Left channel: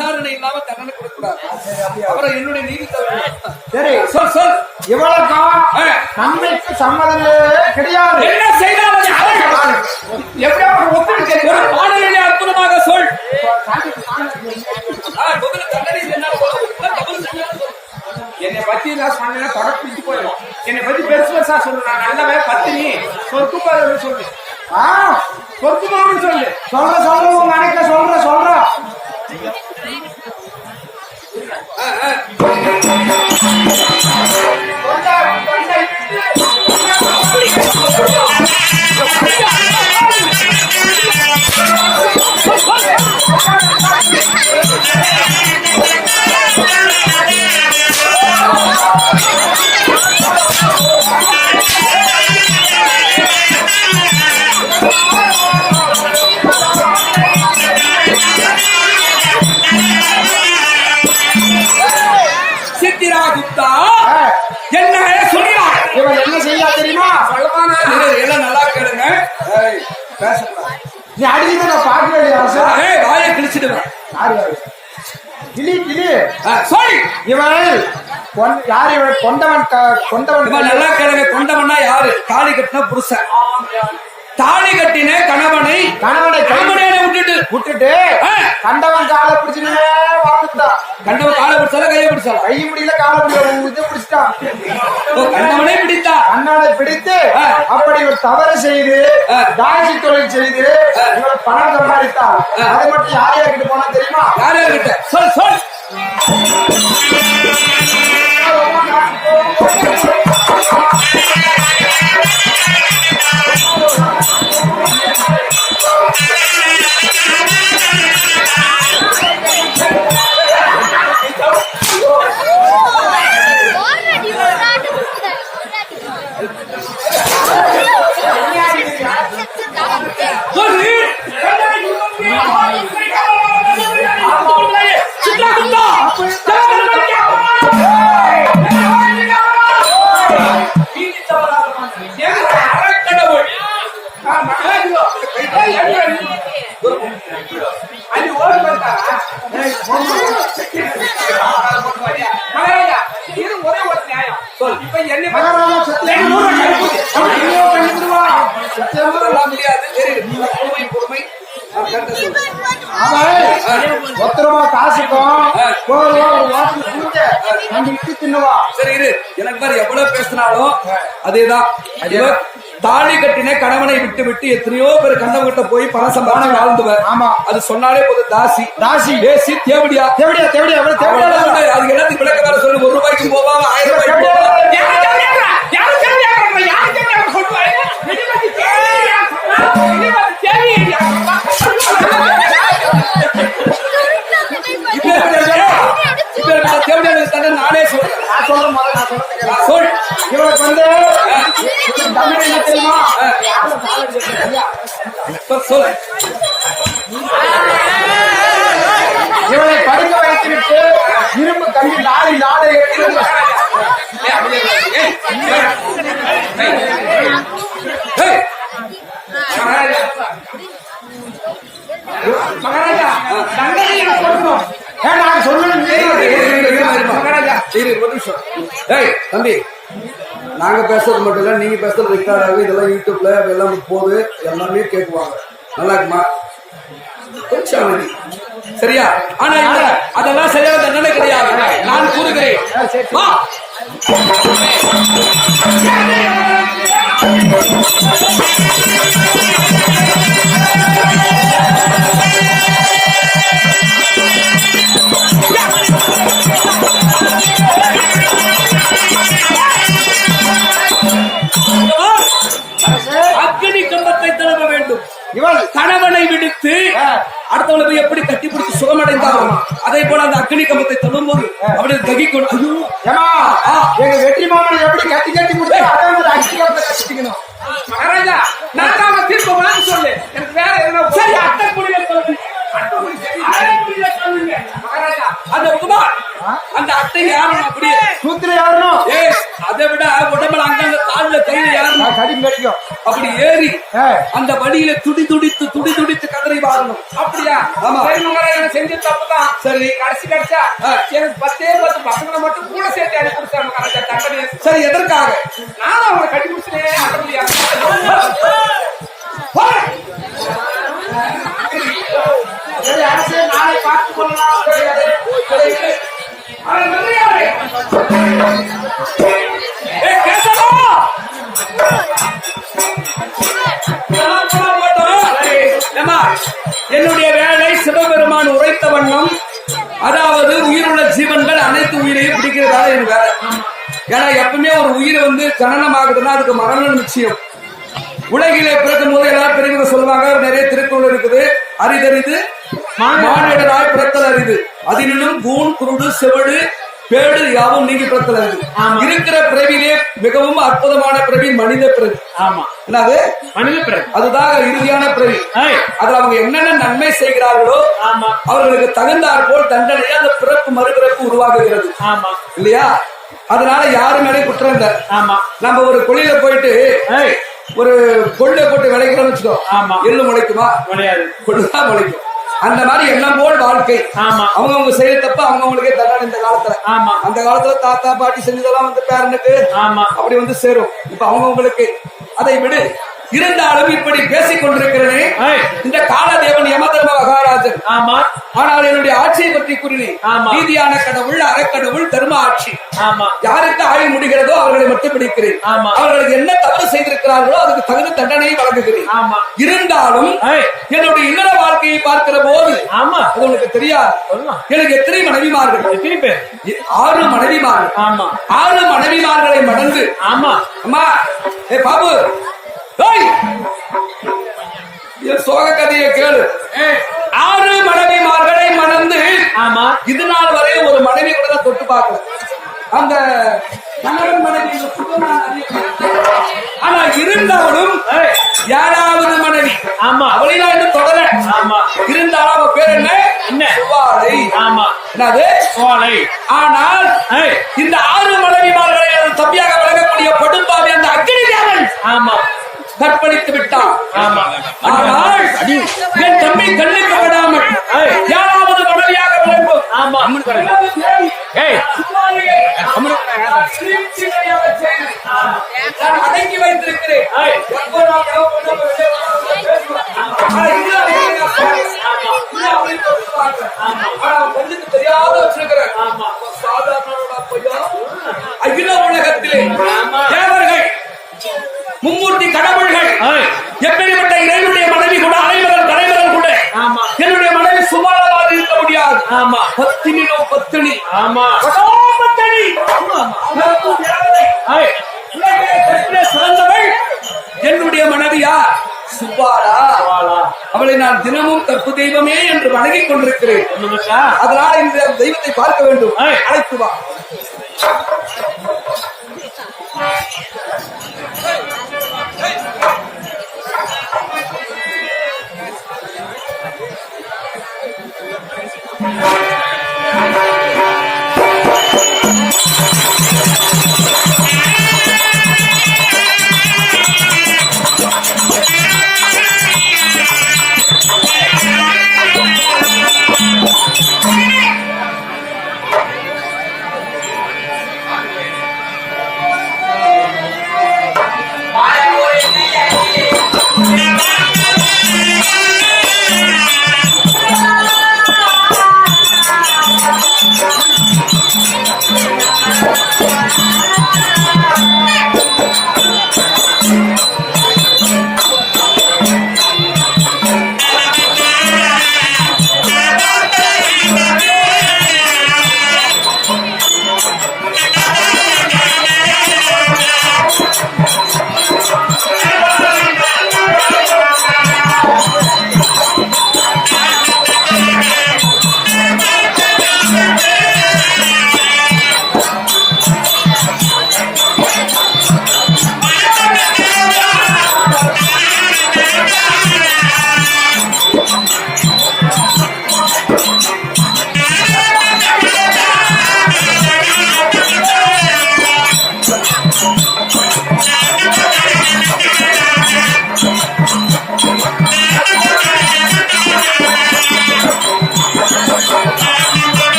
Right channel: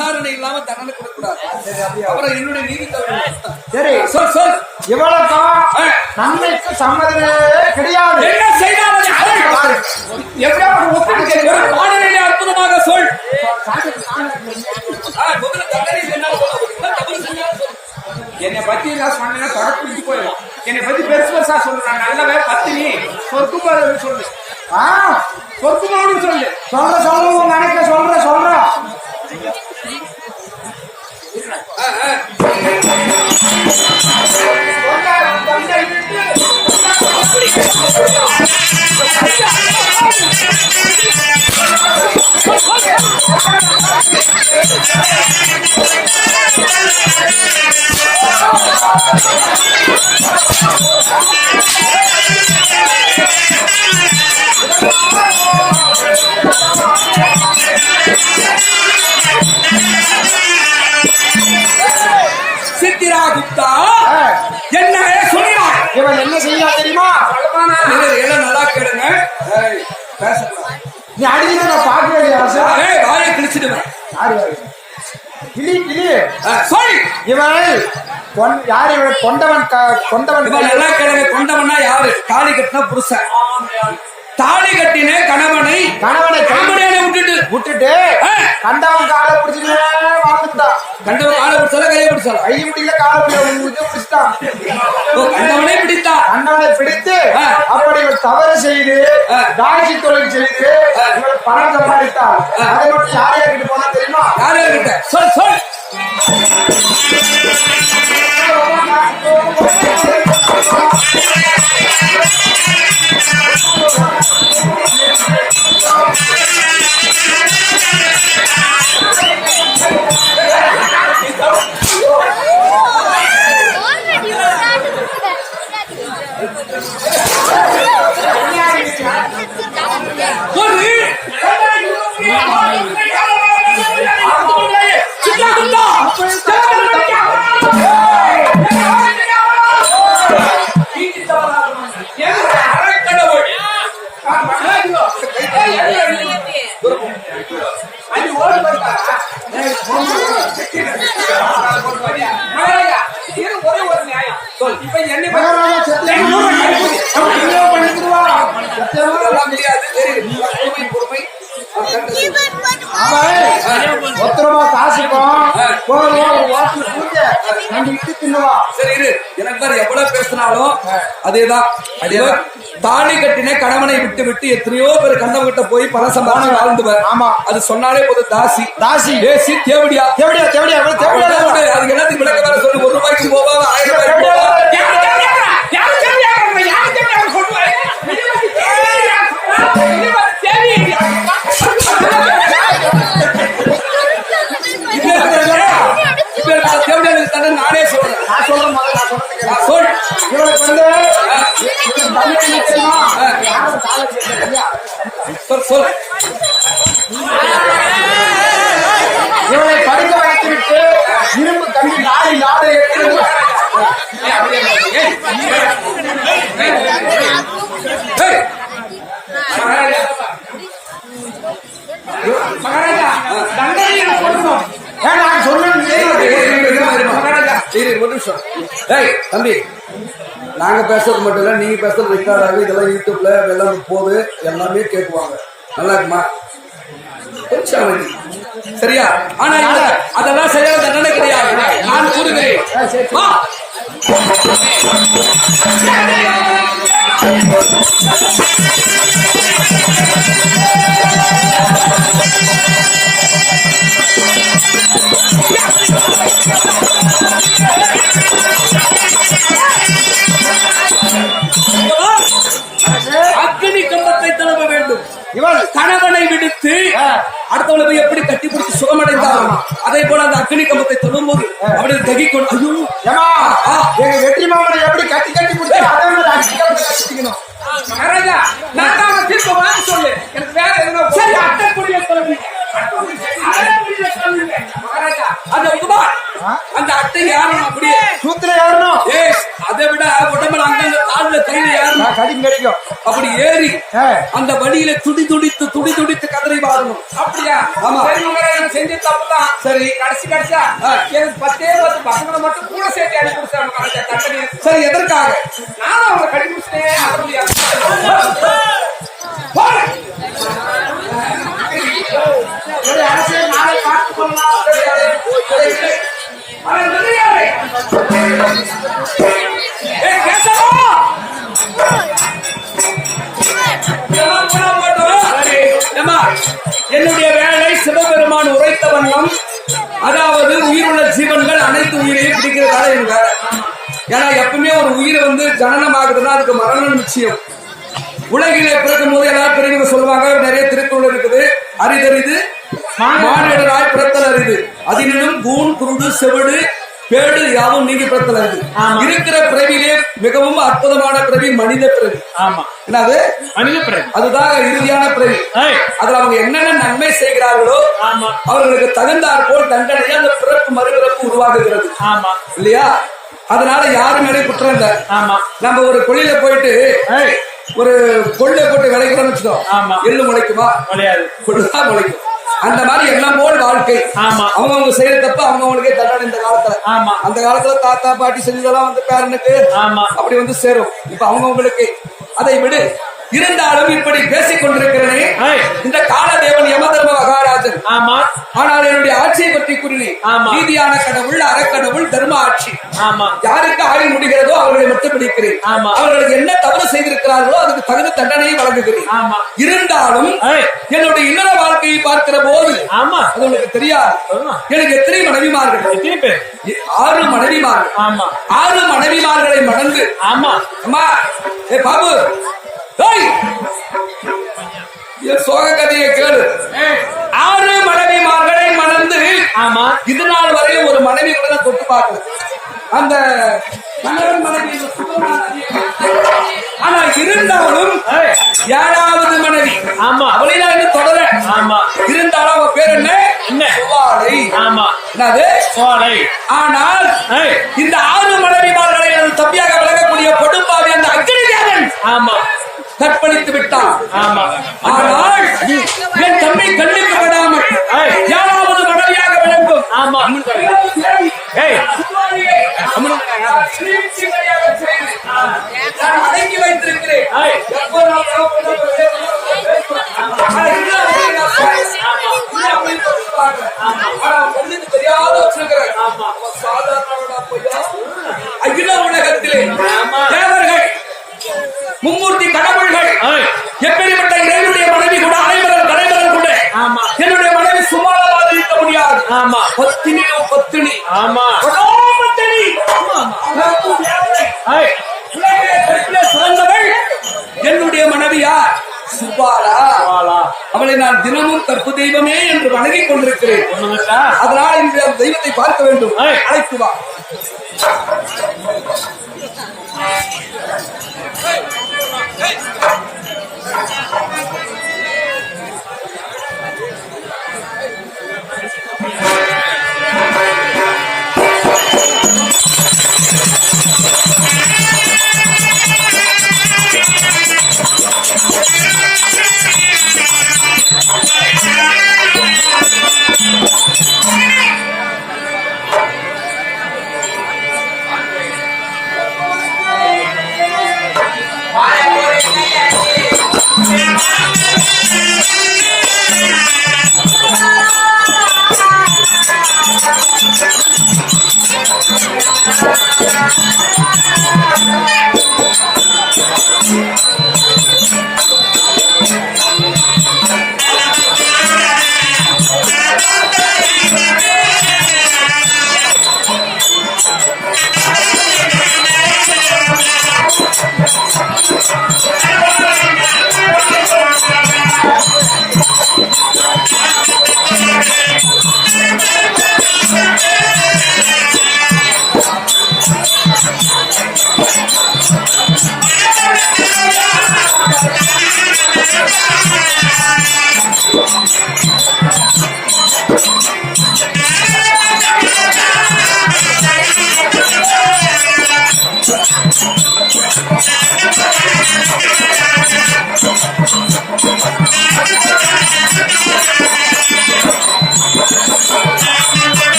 விசாரணை இல்லாம தண்டனை கொடுக்கூடாது அப்புறம் என்னுடைய நீதி. சரி சொல் சொல். ஆ. நன்மைக்கு சம்மதமே கிடையாது. என்ன செய்தால் அது அதை எப்படி அவனுக்கு ஒத்துழைக்க ஒரு பாடலிலே அற்புதமாக சொல். ஆ, முதல்ல தண்டனை என்ன பத்தி நான் சொன்னா தொடர்பு பிடிச்சு போயிடும் என்னை பத்தி பெருசு பெருசா சொல்லு நான் நல்லவே பத்தினி சொர்க்குமாறு சொல்லு. ஆ சொர்க்குமாறு சொல்லு. சொல்ற சொல்ற உங்க அணைக்க சொல்ற சொல்ற. அப்படி பேசக்கூடாது. நீ அடிக்கிட்டு நான் பார்க்க வேண்டிய அவசியம் ஏய், வாயை கிழிச்சிடுவேன் யாரு? கிளி கிளி. சொல் இவன் பொன்- யாரு இவன் கொண்டவன் கொண்டவன் இவன் நல்லா கேளுங்க கொண்டவனா யாரு? தாலி கட்டின புருஷன். தாலி கட்டின கணவனை விட்டுட்டு கண்டவன் காலை பிடிச்சுன்னு வாழ்ந்துட்டான் கண்டவன் காலை பிடிச்சால கையை பிடிச்சால? கை முடியல காலை முடியல பிடிச்சிட்டான். கண்டவனே பிடித்தா. கண்டவனை பிடித்து. அப்படி இவன் தவறு செய்து. தாய்ச்சி தொழில் செய்து பணம் சம்பாதித்தாள் அதை மட்டும் யார் யார்கிட்ட போனா தெரியுமா? யாரு கிட்ட சொல் சொல். அதேதான் இவர் தாலி கட்டின கணவனை விட்டு விட்டு எத்தனையோ பேர் கண்டவங்க கிட்ட போய் பணம் சம்பாதிச்சு வாழ்ந்துவர் ஆமா. அது சொன்னாலே போதும் தாசி தாசி ஏசி தேவடியா தேவடியா தேவடியா தேவடியா. அதுக்கு எல்லாத்துக்கும் விளக்க வேற சொல்லு ஒரு ரூபாய்க்கு போவாங்க ஆயிரம் ரூபாய்க்கு போவாங்க இப்ப தண்டனை நானே சொல்றேன். நான் சொல்றேன் முதல்ல நான் சொல்றேன். சொல் இவளுக்கு வந்து இவளுக்கு தமிழ் என்ன தெரியுமா? யாரும் சாலை கேட்கலையா சொல் சொல் இவளை படுக்க வைத்துவிட்டு இரும்பு கம்பி நாளை நாளை ஏய், மகாராஜா தண்டனை கொடுக்கும் ஏன் நான் சொல்லணும் இரு, இரு, இரு, இரு, இரு, மகாராஜா இரு, இரு, ஒரு நிமிஷம். ஏய் தம்பி நாங்க பேசுறது மட்டும் இல்ல நீங்க பேசுறது ரெக்கார்ட் ஆகுது இதெல்லாம் யூடியூப்ல எல்லாம் போகுது எல்லாமே கேட்குவாங்க நல்லா இருக்குமா? கொஞ்சம் அமைதி. சரியா? ஆனா இவனுக்கு அதெல்லாம் சரியான தண்டனை கிடையாது. நான் கூறுகிறேன். வா. விடுத்து அடுத்தவளை போய் எப்படி கட்டி பிடிச்சு சுகமடைந்தாலும் அதே போல அந்த அக்னி கம்பத்தை தழுவும் போது அப்படி தகிக்கணும். ஐயோ. ஏமா ஆ. எங்க வெற்றி மாமனை எப்படி கட்டி கட்டி அதை மாதிரி அடிச்சுக்காம கட்டிக்கணும் மகாராஜா நான் தான் தீர்ப்பு சொல்லு. எனக்கு வேற எதுனா சரி அட்டை குடியில சொல்லுங்க அந்த உகுமார் அந்த அட்டை யாரும் அப்படியே சூத்திர யாருனும் ஏ அதை விட உடம்புல அங்கங்க கால்ல கையில யாரும் அப்படி ஏறி அந்த வழியில துடி துடித்து துடி துடித்து கதறி வாழணும் அப்படியா? ஆமா. செஞ்ச தப்புதான். சரி. கடைசி கடைசியா. எனக்கு பத்தே பத்து பசங்களை மட்டும் கூட சேர்த்து அனுப்பி கொடுத்தாங்க சரி எதற்காக? நானும் அவங்களை கட்டி முடிச்சுனே அட முடியாது சரி, அரசே, நாளை பார்த்துக் கொள்ளலாம். சரி, சரி. அவன் நில்லையாரே. ஏய், கேசவா! இதெல்லாம் கூட போட்டோம். ஏம்மா, என்னுடைய வேலை சிவபெருமான் உரைத்த வண்ணம். அதாவது உயிருள்ள ஜீவன்கள் அனைத்து உயிரையும் பிடிக்கிறதா என் ஏன்னா எப்பவுமே ஒரு உயிர் வந்து ஜனனம் ஆகுதுன்னா அதுக்கு மரணம் நிச்சயம். உலகிலே பிறக்கும் போது எல்லாரும் பெரியவங்க சொல்லுவாங்க. நிறைய திருக்குறள் இருக்குது. அரிதறிது. மானிடராய் பிறத்தல் அரிது அதிலும் கூன் குருடு செவடு பேடு யாவும் நீங்கி பிறத்தல் அரிது இருக்கிற பிறவிலே மிகவும் அற்புதமான பிறவி மனித பிறவி. ஆமா. என்னது? மனித பிறகு அதுதான் இறுதியான பிறவி. அதுல அவங்க என்னென்ன நன்மை செய்கிறார்களோ ஆமா. அவர்களுக்கு தகுந்தாற் போல் தண்டனையா அந்த பிறப்பு மறுபிறப்பு உருவாகுகிறது ஆமா. இல்லையா? அதனால யாரு மேலே குற்றம் இல்ல? ஆமா. நம்ம ஒரு கொள்ளையில போயிட்டு ஒரு கொள்ளை போட்டு விளைக்கிறோம்னு வச்சுக்கோ. ஆமா. எள்ளு முளைக்குமா? முடியாது கொள்ளுதான் முளைக்கும். அந்த மாதிரி எண்ணம் போல் வாழ்க்கை. ஆமா. அவங்கவங்க செய்யற தப்ப அவங்கவங்களுக்கே தண்டனை இந்த காலத்துல. ஆமா. அந்த காலத்துல தாத்தா பாட்டி செஞ்சதெல்லாம் வந்து பேரனுக்கு ஆமா. அப்படி வந்து சேரும். இப்ப அவங்கவங்களுக்கு அதை விடு. இருந்தாலும் இப்படி பேசிக் கொண்டிருக்கிறேனே. இந்த காலதேவன் யமதர்ம மகாராஜன். ஆமா. ஆனால் என்னுடைய ஆட்சியை பற்றி கூறினேன் ஆமா. நீதியான கடவுள் அறக்கடவுள் தர்ம ஆட்சி. ஆமா. யாருக்கு ஆயுள் முடிகிறதோ அவர்களை மட்டும் பிடிக்கிறேன். ஆமா. அவர்களுக்கு என்ன தவறு செய்திருக்கிறார்களோ அதுக்கு தகுந்த தண்டனையை வழங்குகிறேன். ஆமா. இருந்தாலும். என்னுடைய இல்லற வாழ்க்கையை பார்க்கிற போது ஆமா. அது உங்களுக்கு தெரியாது. எனக்கு எத்தனை மனைவிமார்கள்? ஆறு மனைவிமார்கள். ஆமா. ஆறு மனைவிமார்களை மடந்து ஆமா. அம்மா ஏ பாபு சோக கதையை கேளு. ஆறு மனைவிமார்களை மணந்து ஆமா. இது நாள் வரையும் ஒரு மனைவி கூட தொட்டு பார்க்கல. அந்த கணவன் மனைவி. ஆனா இருந்தாலும் ஏழாவது மனைவி. ஆமா. அவளை நான் இன்னும் தொடர ஆமா. இருந்தாலும் அவ பேர் என்ன? என்ன? சுவாலை. ஆமா. என்னது? சோலை ஆனால் இந்த ஆறு மனைவிமார்களை தம்பியாக விளங்கக்கூடிய கொடும்பாவி அந்த அக்னி தேவன் ஆமா. கற்பழித்து விட்டான் ஆமா ஆனால் என் தம்பி கண்ணுக்கு படாமல் ஏய். ஏழாவது மனைவியாக விளங்கும் நான் அடங்கி வைத்திருக்கிறேன் கண்ணுக்கு தெரியாத வச்சிருக்கிறேன் சாதாரண அகில உலகத்திலே தேவர்கள் மும்மூர்த்தி கடவுள்கள். எப்படிப்பட்ட இறைவனுடைய மனைவி கூட அனைவரும் தலைவர்கள் கூட என்னுடைய மனைவி சுமாரமாக இருக்க முடியாது. ஆமா. பத்தினியோ பத்தினி. ஆமா. பத்தினி. சிறந்தவள். என்னுடைய மனைவியா சுபாலா. அவளை நான் தினமும் கற்பு தெய்வமே என்று வணங்கிக் கொண்டிருக்கிறேன்? அதனால் இன்று அந்த தெய்வத்தை பார்க்க வேண்டும். அழைத்து வா.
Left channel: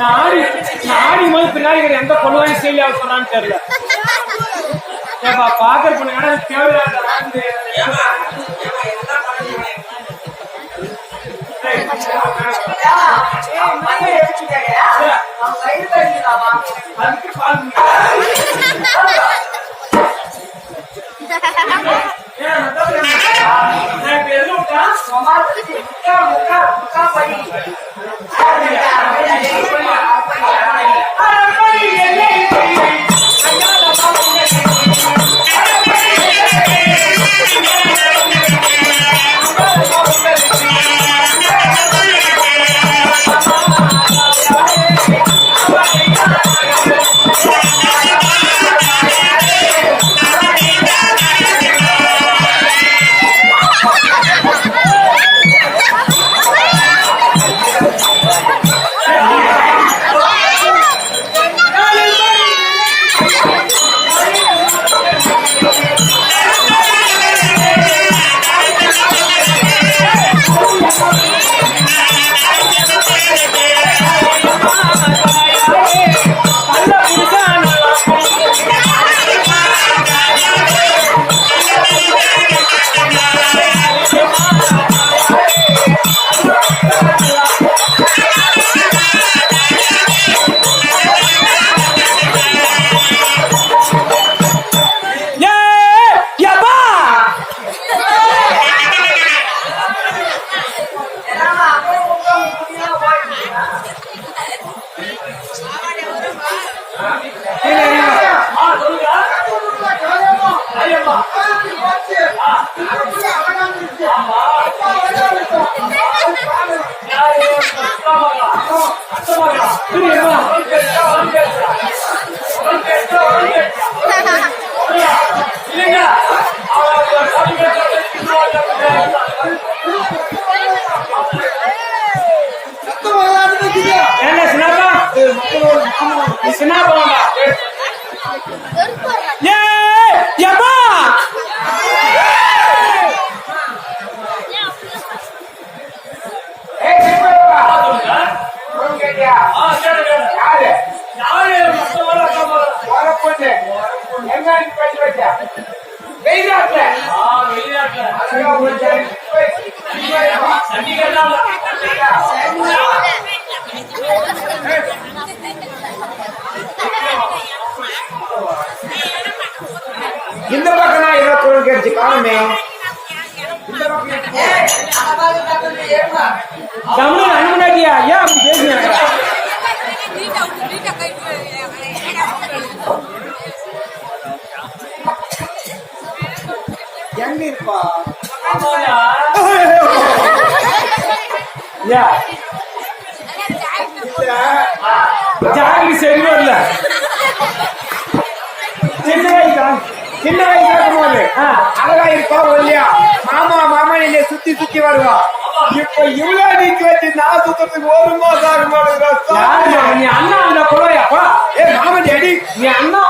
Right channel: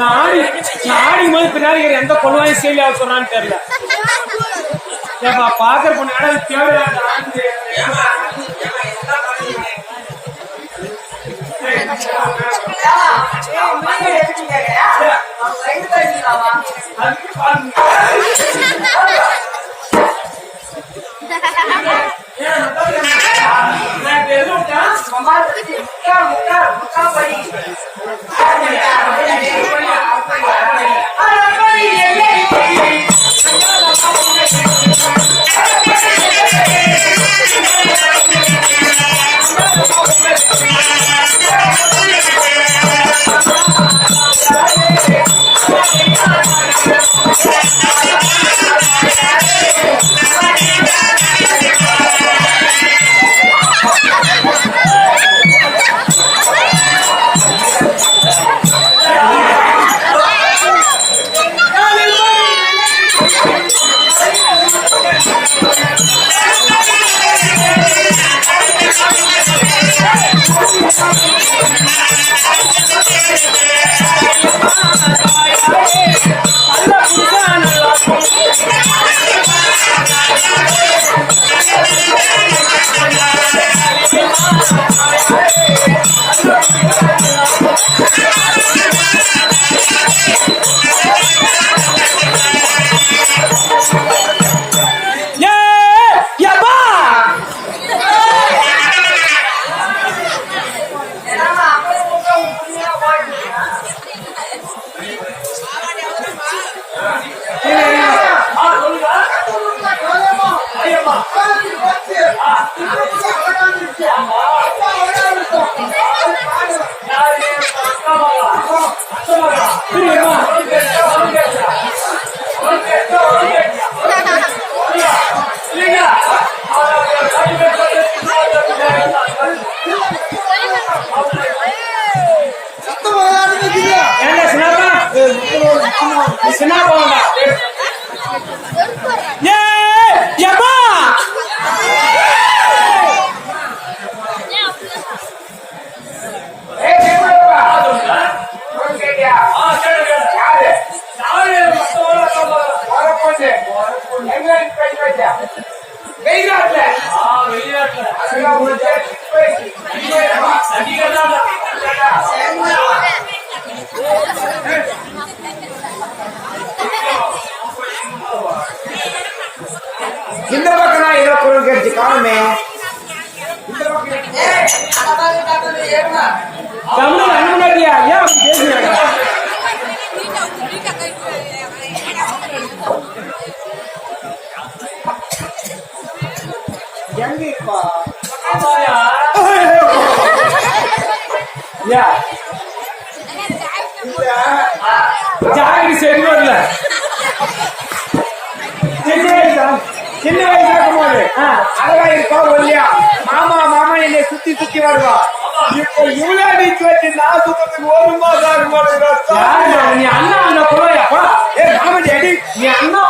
நாடி நாடி மாதிரி பின்னாடி எந்த பொண்ணுதான் செய்யல சொன்னான்னு தெரியல. ஏப்பா ஆனா தேவையா இந்த பக்கம் நான் ஏதோ குரல் கேட்டுச்சு காணுமே. தமிழ் அண்ணனாடியா ஏன் அப்படி பேசுறீங்க? எங்க இருப்பா? யா. ஜாகிரி சரி வரல சின்ன வயசா சின்ன வயசுல இருக்கும்போது அதெல்லாம் இருக்கா இல்லையா மாமா மாமா என்னை சுத்தி சுத்தி வருவா. இப்ப இவ்வளவு நீ கேட்டு நான் சுத்தத்துக்கு ஒரு மாசம் மாசம் நீ அண்ணா வந்தா போயா ஏ மாமன் அடி நீ அண்ணா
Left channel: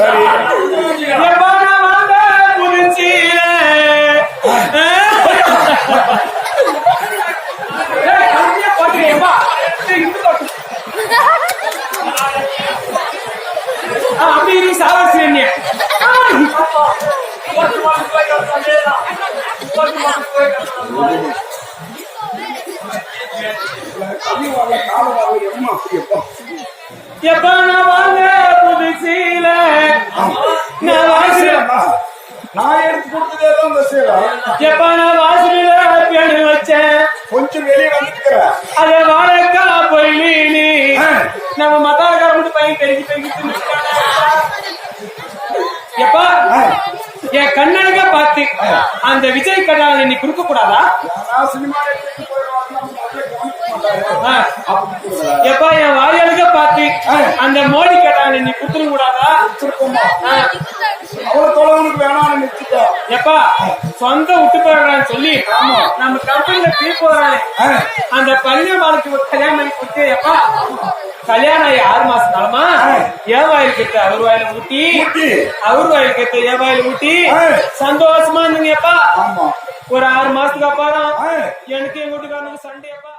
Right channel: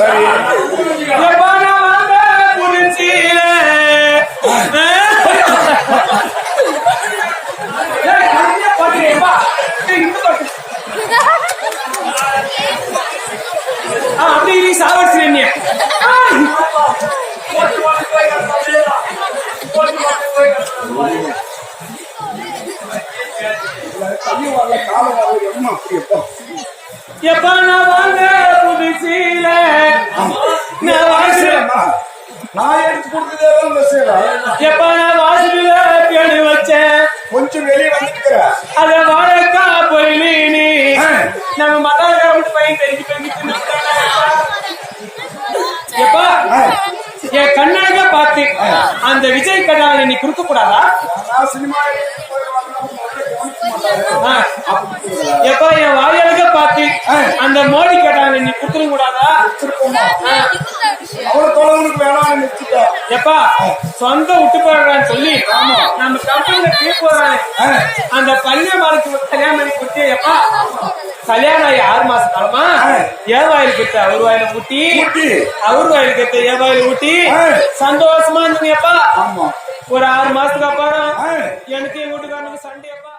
சரி எப்பா நான் வாங்க புலிசீல போட்டுருப்பா அப்படி நீ சாவாசி என்ன கல்வி வரல காலம் வரல எம்மா அப்படி எப்போ எப்பா மத்தாக்கார மட்டும் பையன் பெருக்கி தின்னுட்டானேப்பா. எப்பா? என் கண்ணாக பார்த்து அந்த விஜய் கண்ணாக நீ கொடுக்க கூடாதா சினிமா. எப்பா என் வாழையாக பார்த்து அந்த மோடி கட்டாங்க நீ கொடுத்துட கூடாதா ஆ. அவ்வளவு தொலைவுனுக்கு வேணாம்னு நிறுத்திட்டா எப்பா சொந்த விட்டு போறான்னு சொல்லி நம்ம கம்பெனில பீ போறானே அந்த பள்ளி வாழ்க்கை கல்யாணம் பண்ணி கொடுத்து எப்பா கல்யாணம் ஆகி ஆறு மாசம் காலமா? ஏன் வாயில் கிட்ட அவர் வாயில ஊட்டி. அவர் வாயில் கிட்ட ஏன் வாயில ஊட்டி. சந்தோஷமா இருந்தீங்க எப்பா ஆமா. ஒரு ஆறு மாசத்துக்கு அப்புறம். எனக்கு என் வீட்டுக்காரனுக்கு சண்டை அப்பா